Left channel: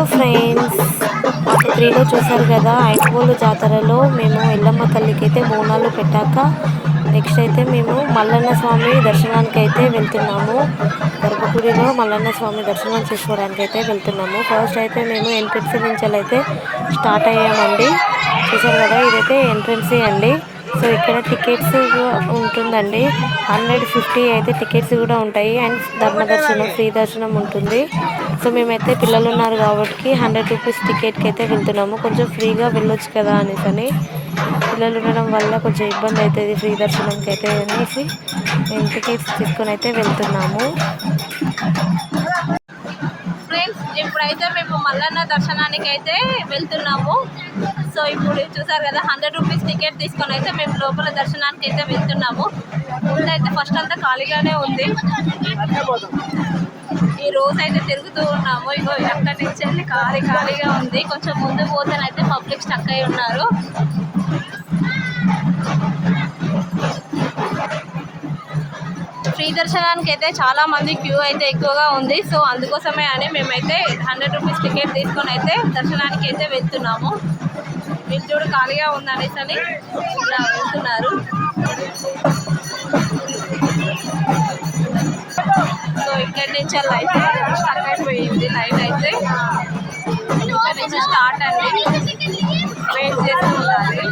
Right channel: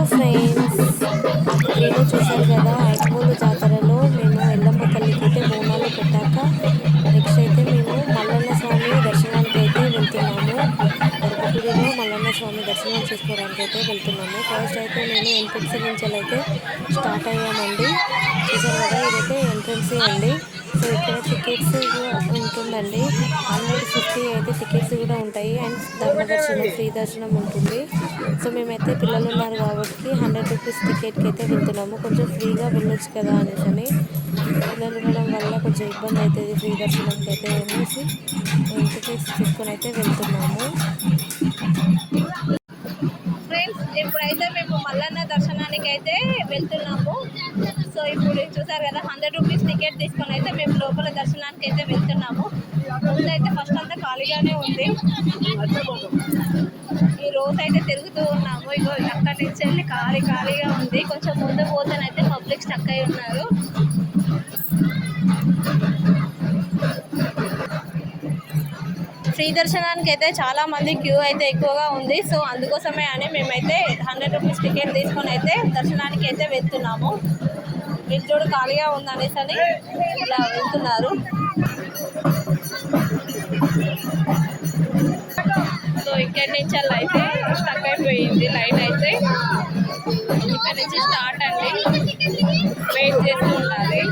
Hello friends, part 3లో చూసారు కదా. ఐదుగోలు జాతరలో మేము ఎల్లమ్మ తల్లికి అయితే బోనాలు పెట్టాక నెక్స్ట్ అయితే మేము మల్లన్న స్వామి దర్శనానికి అయితే వెళ్తున్నాము. గర్భగుడిలో మల్లన్న స్వామి దర్శనం చేసుకోవడానికి అయితే వెళ్తున్నాము. ఫస్ట్ అయితే మేము ఎంట్రన్స్ నుంచి అయితే స్టార్ట్ అయ్యామండి. చూసారు కదా, ఇదైతే ఎంట్రన్సే అండి. సో ఇక్కడ టికెట్స్ ఉంటుందండి. 150 అయితే టికెట్స్ కూడా ఉంటాయి. అండ్ ధర్మదర్శనం, ఫ్రీ దర్శనం ఉంటుంది. సో మేమైతే పిల్లలు ఉన్నారు కాబట్టి 100 రూపీస్ టికెట్కి అయితే వెళ్తున్నాము. కొంచెం ఫ్రీగా వెళ్ళొచ్చు కదా అనేసి పిల్లలు ఉండడం వల్ల కొంచెం ఇబ్బంది అవుతుంది ఫ్రీ దర్శనంకి అయితే అనేసి మేము టికెట్స్ తీసుకొని అయితే వెళ్తున్నాము. ఫ్రెండ్స్, ఇప్పుడైతే మేము మల్లన్న దర్శనానికి అయితే వెళ్తున్నాము. సో ఇప్పుడు చూసారు కదా, 100 రూపీస్ టికెట్ తీసుకొని అయితే మేము లోపల దర్శనానికి అయితే వెళ్తున్నాము. అయితే ఫస్ట్ అంతా ఖాళీగానే ఉంది. ఈ రోజు అయితే తిరుగుతూ ఉన్నాము. ఇగో అక్కడి నుంచి వెళ్ళి ఖాళీగా ఉంది. కొంచెం ముందు పోతేనైతే పబ్లిక్ స్టక్ అయి ఉన్నారు. ఫ్రీ దర్శనానికి అయితే చాలా మంది క్యూ అయితే ఎక్కువగా ఉంది. సో అందుకోసమే అని మేమైతే 100 రూపీస్ టికెట్ తీసుకొని అయితే దర్శనానికి అయితే వెళ్తున్నాము. వీళ్ళు చూడు ఖాళీగా ఉందనేసి అని ఇలా వెళ్తున్నారు. సో ఇక్కడి నుంచి లైట్ స్టక్ అయిపోయింది. లైట్ అయితే ఇక్కడ నుంచి స్టార్ట్ అండి. వెయిట్ చేస్తూ ఉండాలి.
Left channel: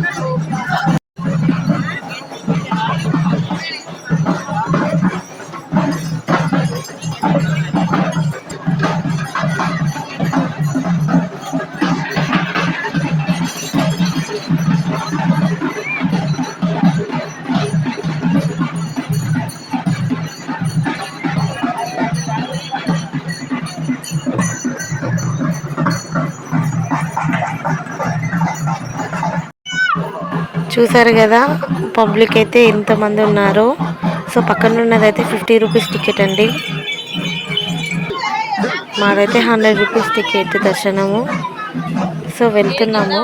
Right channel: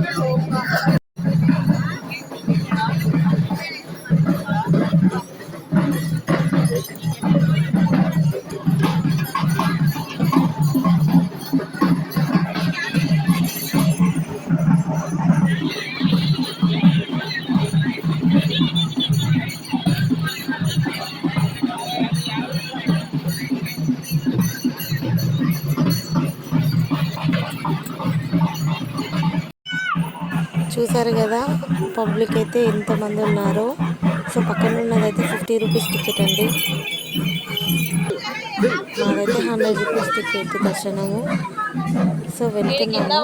చూసారు కదా పబ్లిక్ అయితే ఎంతమంది ఉన్నారు. సో పక్కన ఉన్నదైతే 50 రూపీస్ టికెట్ అండి. మాదైతే 100 రూపీస్ టికెట్ దర్శనము. సో వెళ్తున్నాము.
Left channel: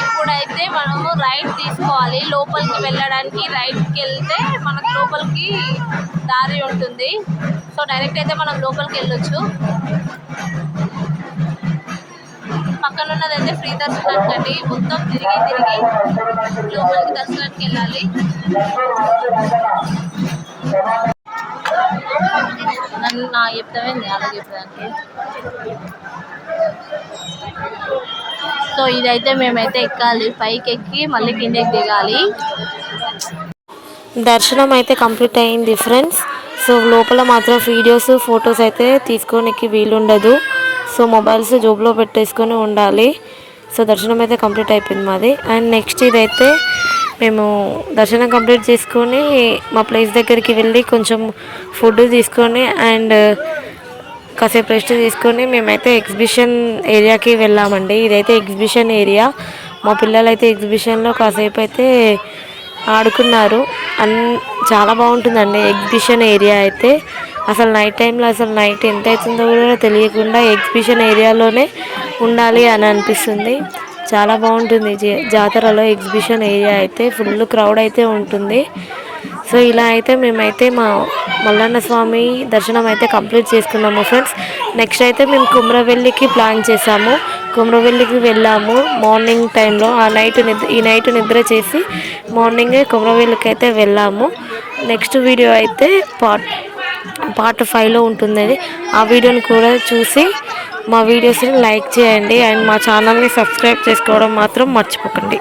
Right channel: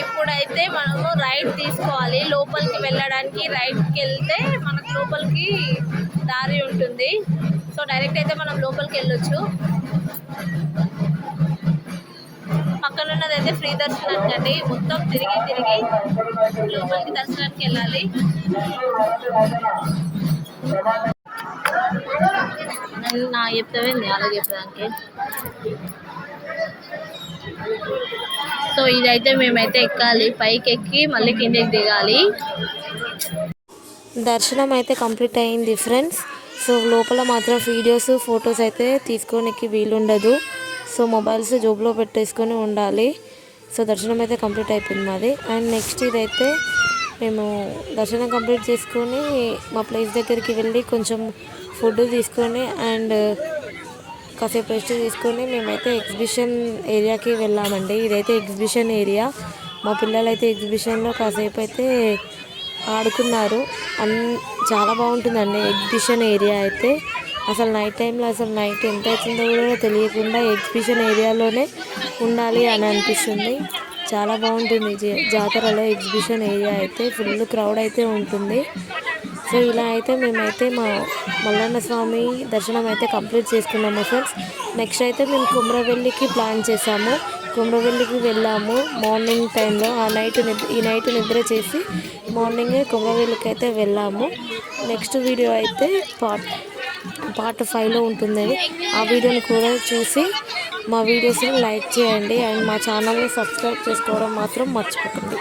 ఇప్పుడైతే మనము రైట్ తీసుకోవాలి. లోపలికి వెళ్ళడానికి రైట్కి వెళ్తే మనకు లోపలికి దారి ఉంటుంది. సో డైరెక్ట్ అయితే మనం లోపలికి వెళ్ళొచ్చు. పక్కన ఉన్నదైతే ఫ్రీ దర్శనానికి అండి. మొత్తం తిరిగి లోపలికి దర్శనానికి వెళ్ళాలి. నా చెప్తావేంది అలాగే చెప్పడానికి. సో ఇదైతే మేమైతే ఎక్కాలి. పైకి ఎక్కి మళ్ళీ కిందకి దిగాలి. దర్శనం అయితే కంప్లీట్ అయింది ఫ్రెండ్స్. సో లోపల మాత్రం వీడియోస్, ఫొటోస్ అయితే తీసుకోనికి వీలుండదు. సో మొబైల్స్ జోబులో పెట్టేసుకొని ఉండాలి. సో దర్శనం అయితే కంప్లీట్ అయిపోయింది మాది. అండ్ నెక్స్ట్ ఇదైతే మేము దర్శనం కంప్లీట్ చేసుకొని మా ప్లేస్ దగ్గరికి వెళ్ళి కొంచెం ఫుడ్ తీసుకొని అండ్ కాసేపు రెస్ట్ తీసుకొని మేమైతే ఎగ్జిబిషన్ ఏరియాకి వెళ్ళామండి. ఇదైతే ఎగ్జిబిషన్ ఏరియా. మా పిల్లలు అయితే ఎగ్జిబిషన్లో కాసేపు అయితే ఆడుకున్నారు. చాలా బాగుంటుందండి ఎగ్జిబిషన్ ఏరియా అయితే. అసలు నైట్ టైంలో అసలు నైట్ ఎంత అవుతుందో కూడా తెలియకుండా ఎగ్జిబిషన్ ఏరియాలోనే ఉండాలి అని అనిపిస్తుంది. చాలా బాగుంటుంది జాతరలో ఎగ్జిబిషన్ ఏరియా అయితే. ఫుల్ క్రౌడ్ అయితే ఉంటుంది. సో ఇలా అయితే మేమైతే మా మల్లన్న స్వామి దర్శనం అయితే కంప్లీట్ చేసుకున్నాము ఫ్రెండ్స్. నెక్స్ట్ అయితే మేము కుమ్రవెల్లికి ప్లాన్ చేసాము. కుమ్రవెల్లికి వెళ్ళాము మార్నింగ్ టైంలో. ఈ నైట్ నిద్ర చేసి మార్నింగే కుమ్రవెల్లికి అయితే వెళ్ళాము. నెక్స్ట్ వీడియో అయితే పార్ట్ 5లో ఉంటుంది. ఆ వీడియోని కూడా చూసి మా వీడియోస్ని లైక్ చేయండి. అండ్ మా ఛానల్ని సబ్స్క్రైబ్ చేసుకోవడం మాత్రం మర్చిపోకండి.